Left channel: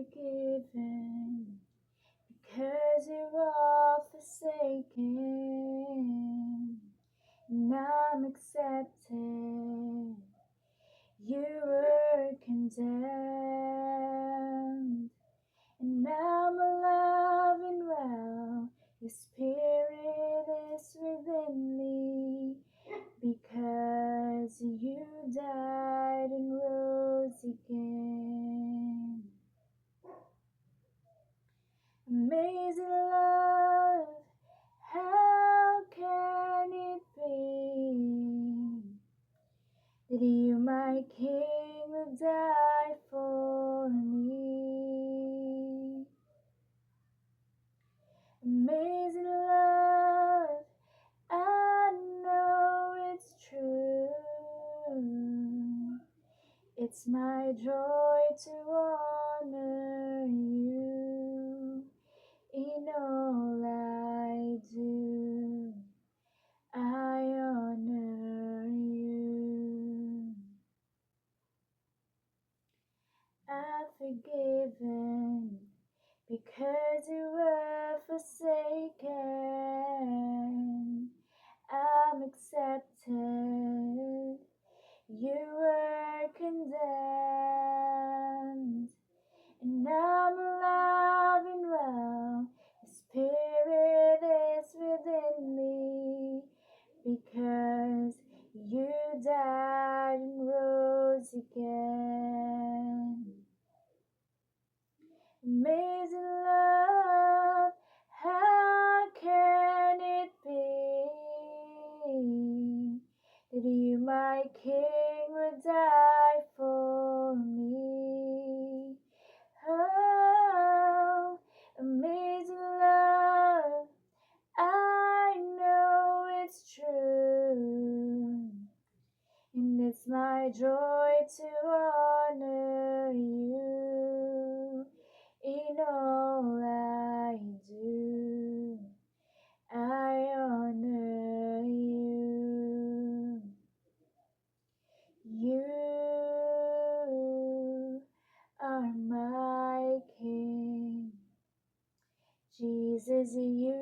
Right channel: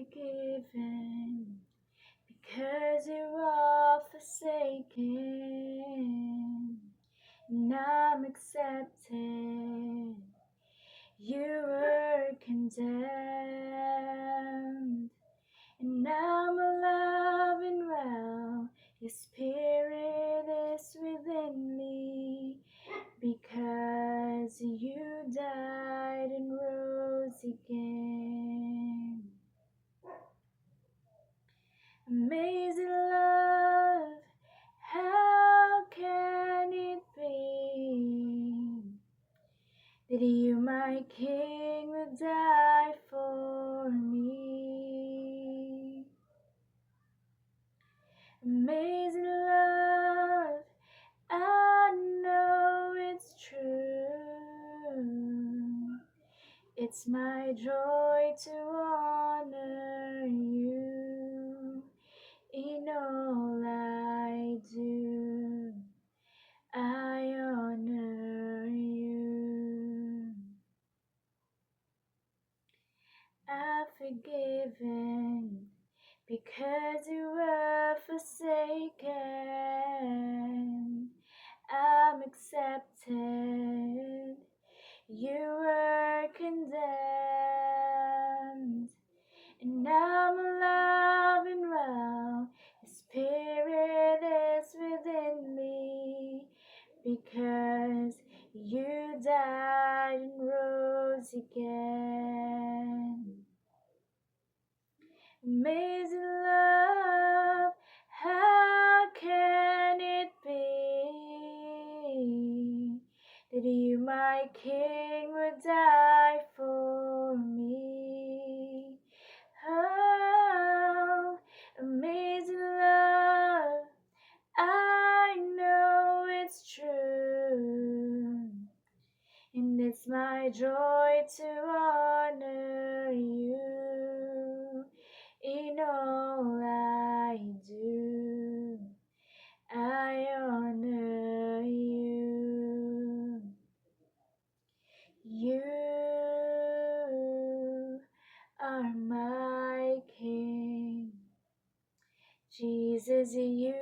forgiven, because you're all forsaken, and I'm accepted. You were condemned, and I'm alive and well. Your spirit is within me, because you died and rose again. Amazing love, how can it be that you, my King, would die for me? Amazing love, I know it's true. It's my joy to honor you in all I do. I honor you. I'm forgiven, because you were forsaken. I'm accepted. You were condemned, and I'm alive and well. Your spirit is within me, because you died and rose again. Amazing love, how can it be that you, my King, would die for me? Oh, amazing love, I know it's true, and it's my joy to honor you in all I do. I honor you. You are my King. Jesus, you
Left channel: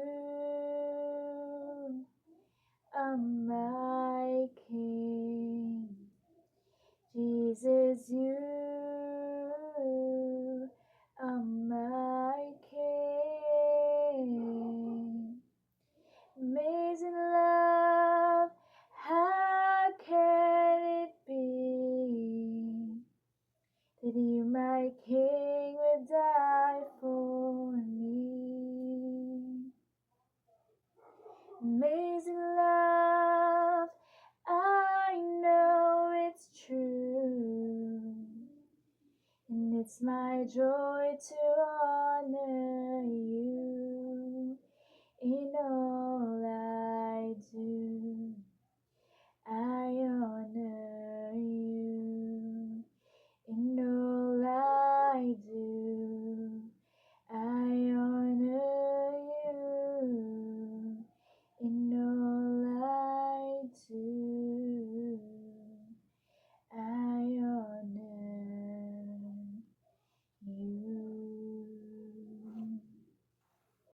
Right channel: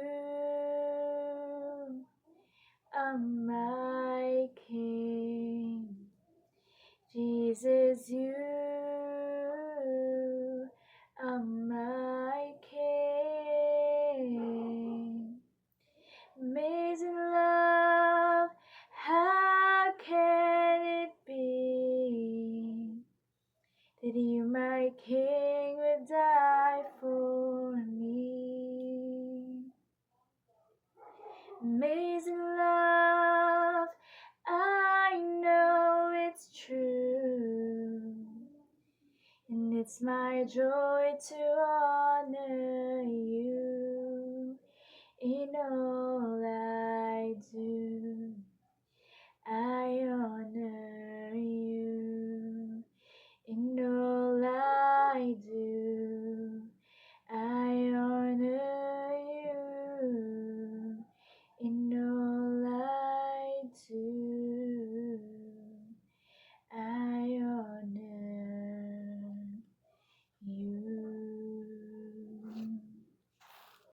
are my King. Jesus, you are my King. Amazing love, how can it be that you, my King, would die for me? Amazing love, I know it's true, and it's my joy to